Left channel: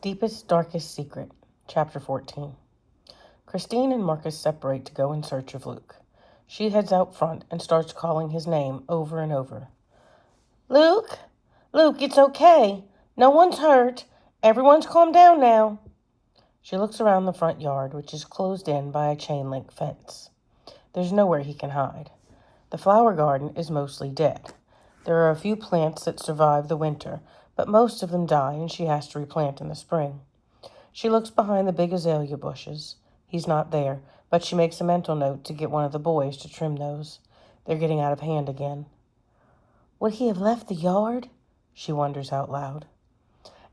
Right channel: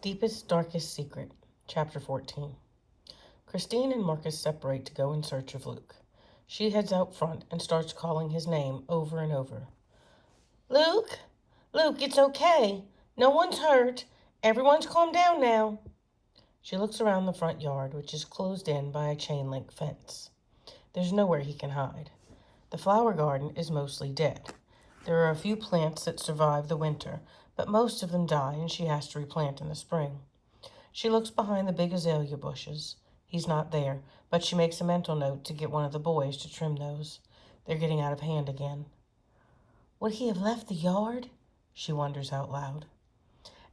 Deepest, Darkest Secret, Chapter 14. Christine and Marcus separate to go in search of Luke. She heads out front and starts calling his name over and over. Luke? Luke, it's okay. No one's hurt. Everyone's calmed down now. She looks around the front yard, which is closed in by a chain-link fence. There's nowhere he can hide. The flower garden is mostly dead. There are a few plants that survive the winter, but most of them die and she has to replant in the spring. She looks behind the big azalea bushes. He's not there, but she makes a mental note to get one of the boys to trim those. They're getting out of hand again. Would he have left the yard? She wonders out loud.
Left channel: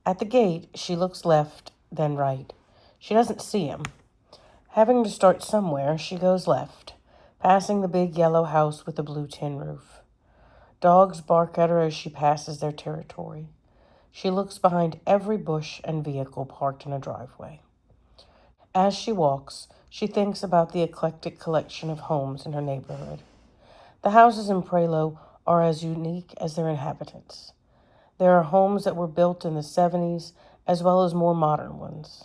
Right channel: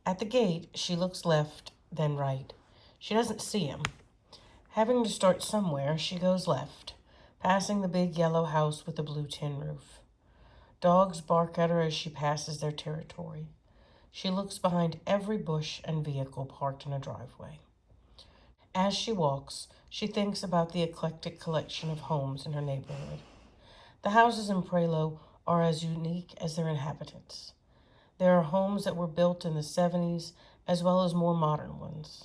At the gate, she looks left, then right. She doesn't see him. Having to start somewhere, she goes left, passing the big yellow house with the blue tin roof. Dogs bark at her as she passes their territory. She looks behind every bush and vehicle parked in a driveway. As she walks, she thinks about the eclectic collection of homes in her neighborhood. The houses in Prelo are as unique as their inhabitants. There are homes that were built in the 70s as well as more modern ones.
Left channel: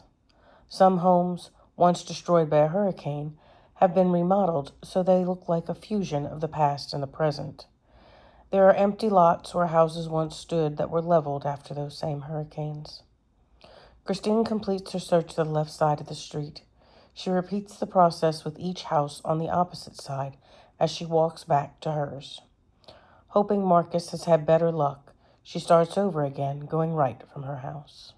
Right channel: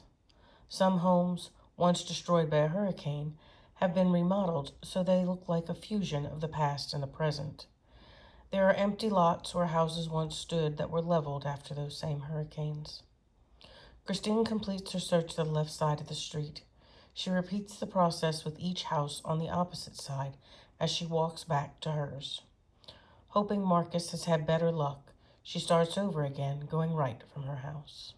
Some homes, once destroyed by a hurricane, have been remodeled so they look like a fusion of the past and the present. There are empty lots where houses once stood that were leveled after those same hurricanes. Christine completes her search to the left side of the street. She repeats the process with each house on the opposite side as she walks back to hers. Hoping Marcus has had better luck, she starts over again, going right from her house.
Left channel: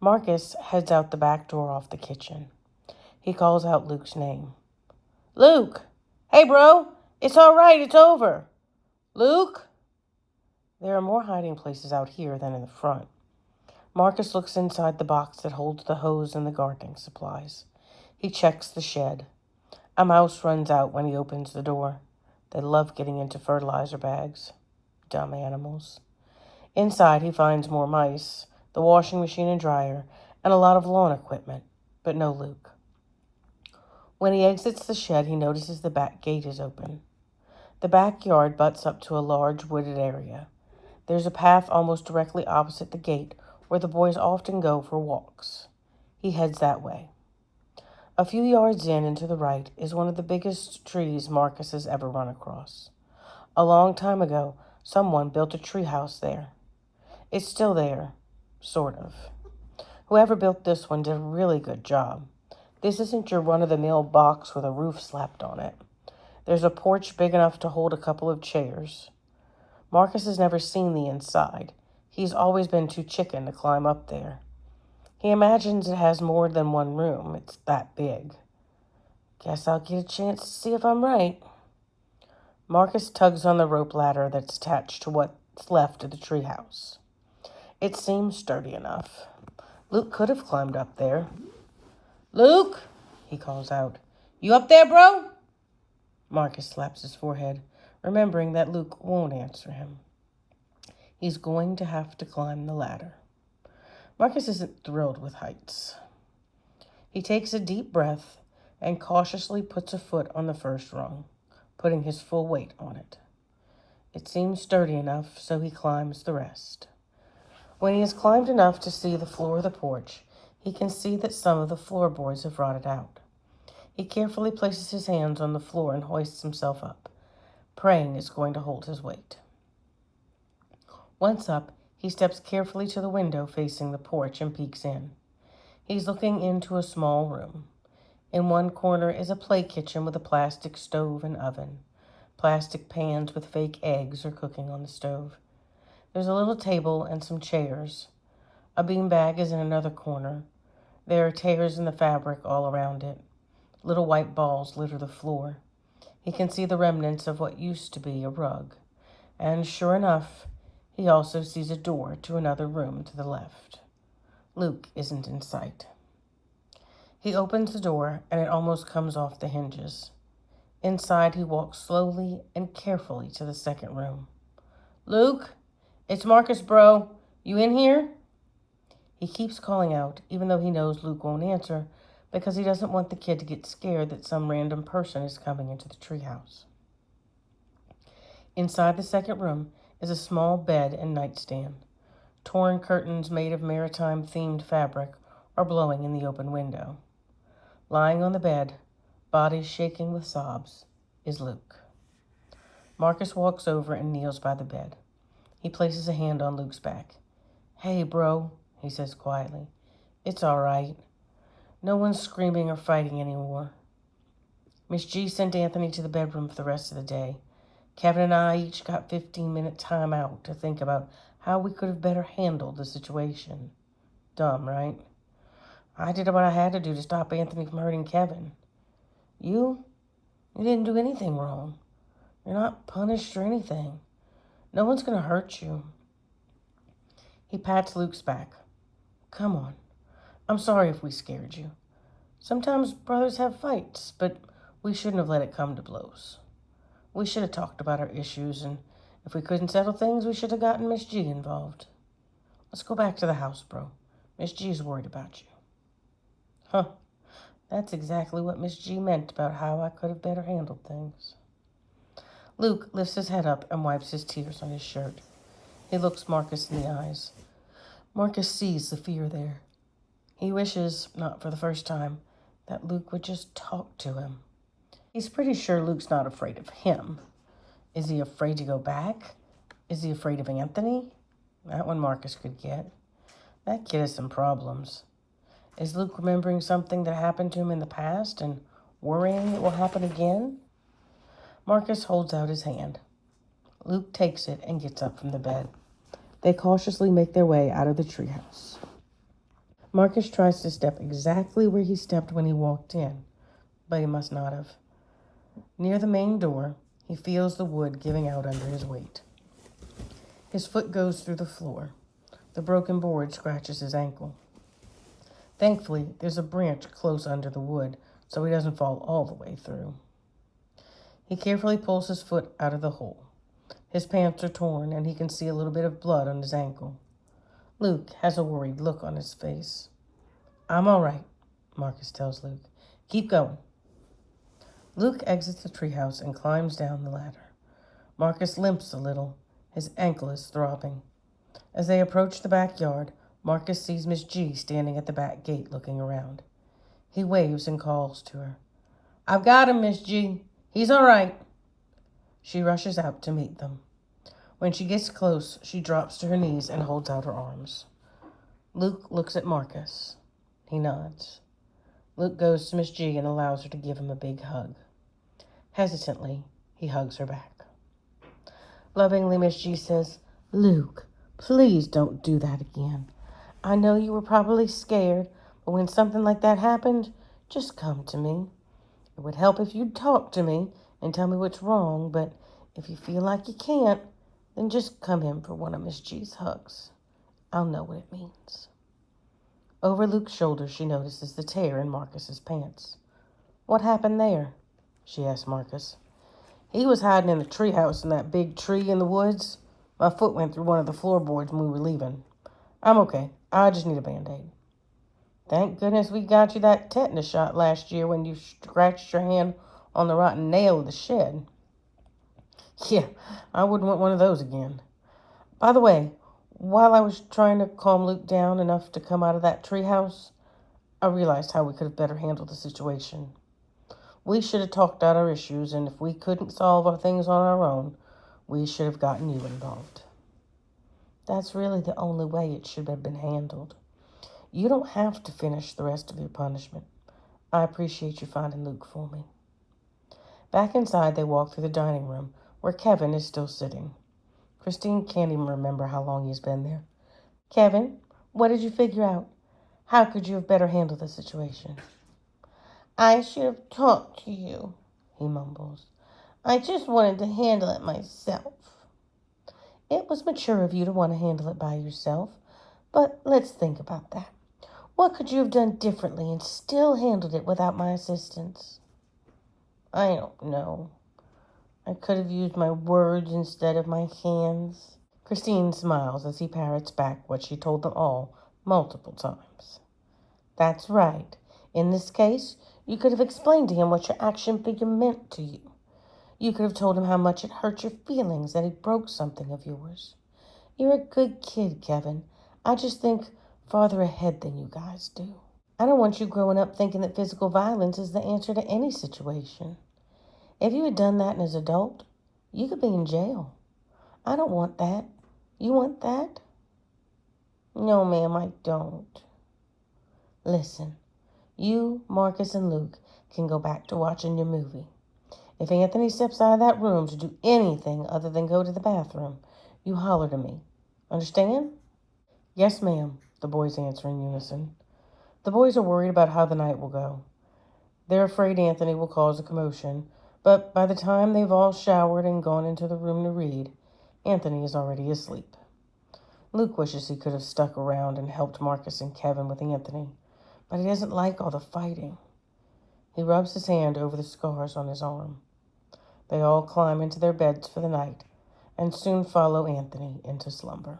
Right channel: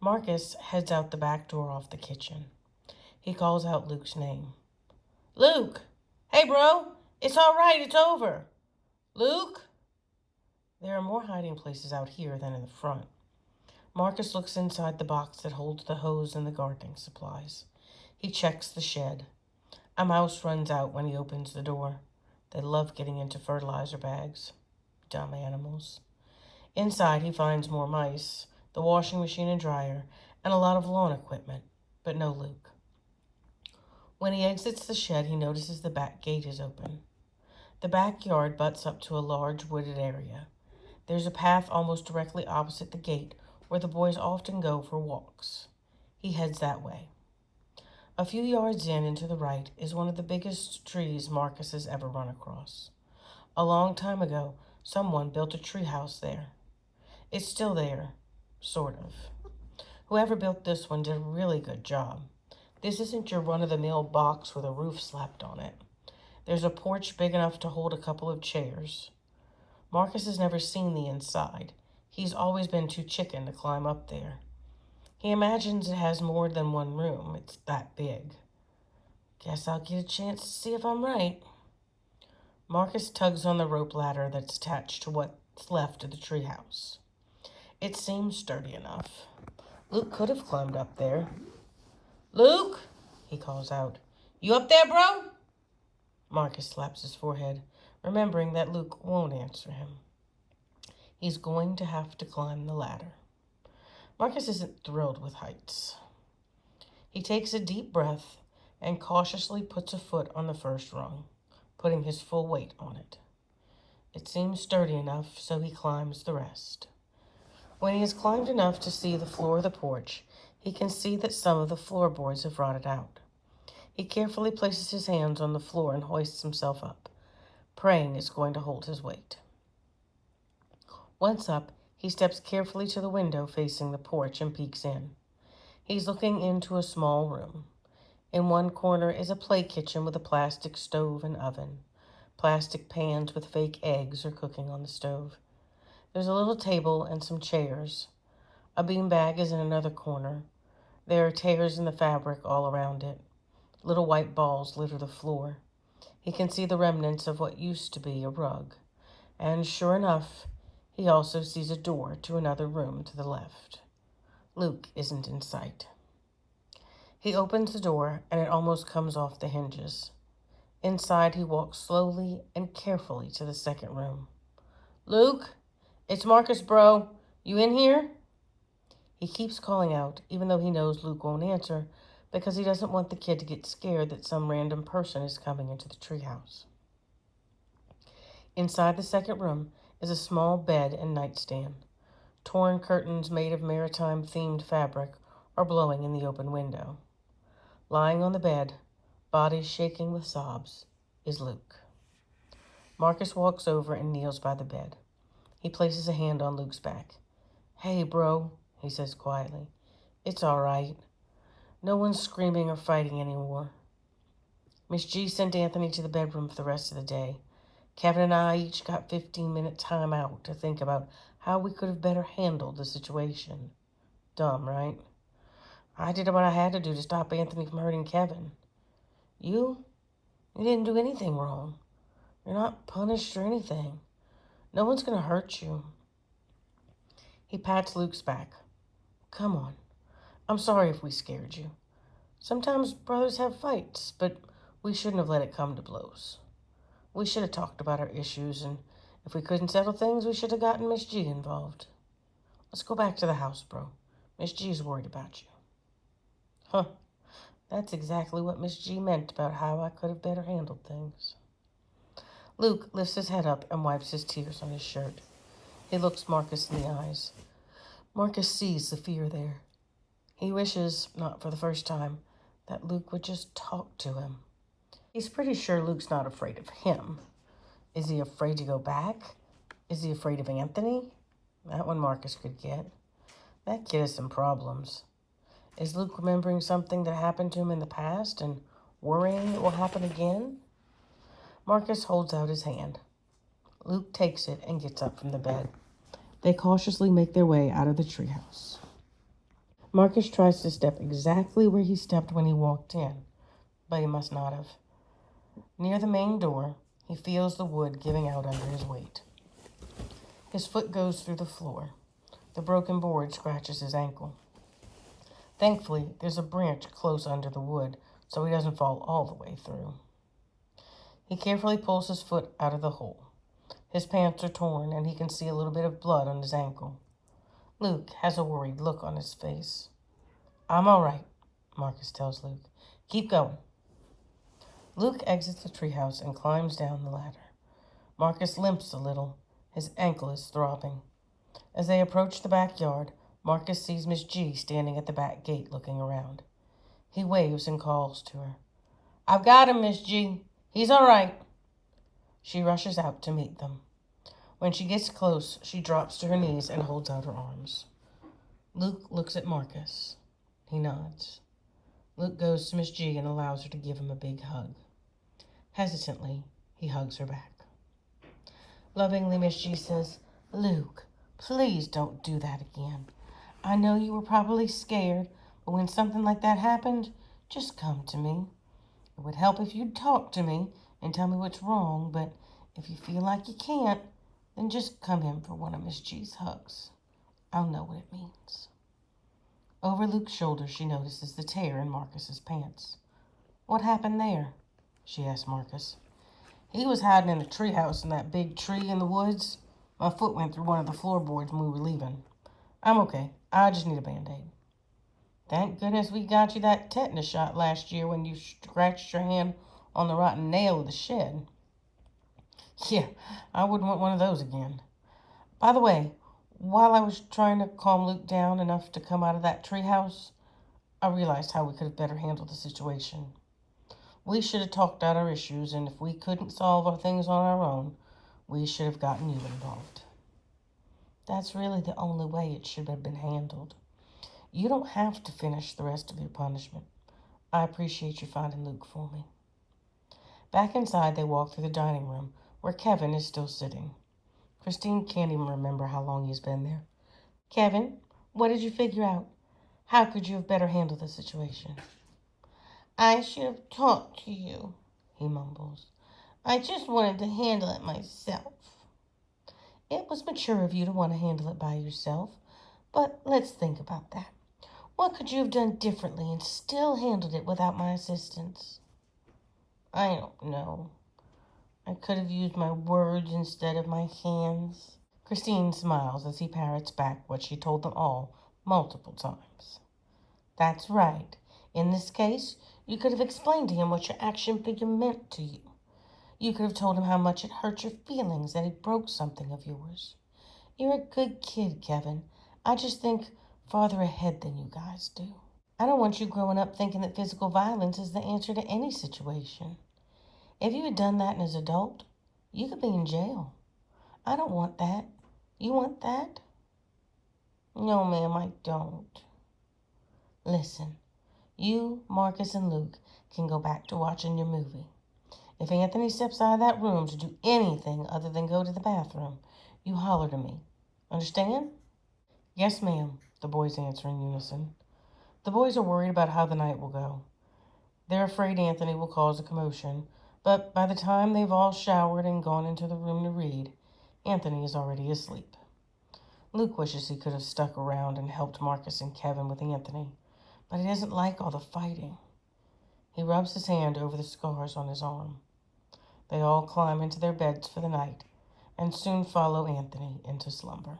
Marcus heads out the back door off the kitchen. He calls out Luke's name. Luke! Hey, bro! It's all right, it's over! Luke? There are more hiding places out here than in the front. Marcus looks inside the box that holds the hose and the gardening supplies. He checks the shed. A mouse runs out when he opens the door. They love getting into fertilizer bags. Dumb animals. Inside, he finds more mice, the washing machine and dryer, and a lot of lawn equipment, but no Luke. When he exits the shed, he notices the back gate is open. The backyard butts up to a large wooded area. There's a path almost directly opposite the gate where the boys often go for walks. He heads that way. A few yards in and to the right is one of the biggest trees Marcus has ever run across. A long time ago, someone built a treehouse there. It's still there, sort of. Whoever built this one did a really good job. This isn't your run-of-the-mill box with a roof slapped on it. There's a porch big enough to hold a couple of chairs. Marcus has never seen the inside. He's always been too chicken to climb up there. He imagines it has more than one room. It's that big. Guess I'll get a chance to see if I'm right. Marcus tugs on the rope ladder that's attached to what's left of the treehouse. It seems sturdy enough. Luke could have climbed up there. Luke, he calls out. You up there, bro? Marcus slaps his forehead, remembering that Luke won't answer him. He's going to have to climb the ladder. Marcus isn't thrilled with heights. He takes a deep breath and cautiously puts a foot on the first rung, putting his full weight on it. It seems sturdy enough, so he climbs the rest. When he has climbed enough to see the floor of the porch, he can see that some of the floorboards have rotted out. He carefully places his hands on the floor and hoists himself up, praying it's going to hold his weight. Once up, he steps carefully to the window facing the porch and peeks in. He's looking into a small room. In one corner is a play kitchen with a plastic stove and oven. Plastic pans with fake eggs are cooking on the stove. There's a little table and some chairs. A beanbag is in another corner. There are tears in the fabric all around it. Little white balls litter the floor. He can see the remnants of what used to be a rug. And sure enough, he also sees a door to another room to the left. Luke isn't in sight. He opens the door, and it almost comes off the hinges. Inside, he walks slowly and carefully to the second room. Luke, it's Marcus, bro. You in here? He keeps calling out, even though he knows Luke won't answer, because he doesn't want the kid to get scared that some random person is coming into the treehouse. Inside the second room is a small bed and nightstand. Torn curtains made of maritime-themed fabric are blowing in the open window. Lying on the bed, body shaking with sobs, is Luke. Marcus walks over and kneels by the bed. He places a hand on Luke's back. "Hey, bro," he says quietly. "It's all right. No one's screaming or fighting anymore. Miss G sent Anthony to the bedroom for the rest of the day. Kevin and I each got 15-minute time out to think about how we could have better handled the situation. Dumb, right? I did what I had to do to stop Anthony from hurting Kevin. You didn't do anything wrong. You're not punished or anything. No one's going to hurt you." He pats Luke's back. "Come on. I'm sorry if we scared you. Sometimes brothers have fights, but we shouldn't have let it come to blows. We should have talked about our issues, and if we couldn't settle things, we should have gotten Miss G involved. Let's go back to the house, bro. Miss G's worried about you." Huh. That's exactly what Miss G meant about how I could have better handled things. Luke lifts his head up and wipes his tears on his shirt. He looks Marcus in the eyes. Marcus sees the fear there. He wishes, not for the first time, that Luke would just talk to him. He's pretty sure Luke's not afraid of him. Is he afraid to go back? Is he afraid of Anthony? That one Marcus could get. That kid has some problems. Is Luke remembering something that happened to him in the past and worrying it will happen again? Marcus holds out his hand. Luke takes it and gets up from the bed. They cautiously make their way out of the treehouse. Marcus tries to step exactly where he stepped when he walked in, but he must not have. Near the main door, he feels the wood giving out under his weight. His foot goes through the floor. The broken board scratches his ankle. Thankfully, there's a branch close under the wood, so he doesn't fall all the way through. He carefully pulls his foot out of the hole. His pants are torn, and he can see a little bit of blood on his ankle. Luke has a worried look on his face. "I'm all right," Marcus tells Luke. "Keep going." Luke exits the treehouse and climbs down the ladder. Marcus limps a little. His ankle is throbbing. As they approach the backyard, Marcus sees Miss G standing at the back gate looking around. He waves and calls to her. "I've got him, Miss G. He's all right." She rushes out to meet them. When she gets close, she drops to her knees and holds out her arms. Luke looks at Marcus. He nods. Luke goes to Miss G and allows her to give him a big hug. Hesitantly, he hugs her back. Lovingly, Miss G says, "Luke, please don't do that again. I know you were probably scared, but when something like that happened, just come to me. It would help if you'd talk to me and tell me what's wrong, but if you feel like you can't, then just come in for one of Miss G's hugs. I'll know what it means." Over Luke's shoulder, she notices the tear in Marcus's pants. "What happened there?" she asks Marcus. "He was hiding in the treehouse in that big tree in the woods. My foot went through one of the floorboards when we were leaving. I'm okay. I just need a Band-Aid." "Thank goodness we got you that tetanus shot last year when you scratched your hand on the rotten nail of the shed." "Yeah, I wouldn't want one of those again. By the way, while I was trying to calm Luke down enough to come out of that treehouse, I realized how we could have better handled the situation. We should have talked out our issues, and if we couldn't solve our things on our own, we should have gotten you involved. That's really the only way it should have been handled. You don't have to finish the rest of your punishment. I appreciate you finding Luke for me." Back inside, they walk through the dining room, where Kevin is still sitting. Christine can't even remember how long he's been there. "Kevin, what did you figure out? How could you have better handled the situation?" "I should have talked to you," he mumbles. "I just wanted to handle it myself." "It was mature of you to want to handle it by yourself, but let's think about that. What could you have done differently and still handled it without my assistance?" "I don't know. I could have used my words instead of my hands." Christine smiles as he parrots back what she told them all multiple times. "That's right. In this case, you could have explained to him what your action figure meant to you. You could have told him how much it hurt your feelings that he broke something of yours. You're a good kid, Kevin. I just think farther ahead than you guys do. I don't want you growing up thinking that physical violence is the answer to any situation. If you had done that as an adult, you could be in jail. I don't want that. You want that? No, ma'am, I don't. Listen, you, Marcus, and Luke can go back to watching your movie. If Anthony steps out of that room to do anything other than go to the bathroom, you holler to me. Understand? Yes, ma'am, the boys answer in unison. The boys are worried about how the night will go. They're afraid Anthony will cause a commotion, but by the time they've all showered and gone into the room to read, Anthony is already asleep. Luke wishes he could have stuck around and helped Marcus and Kevin with Anthony, but he doesn't like all the fighting. He rubs his hand over the scars on his arm. They all climb into their beds for the night and soon follow Anthony into slumber.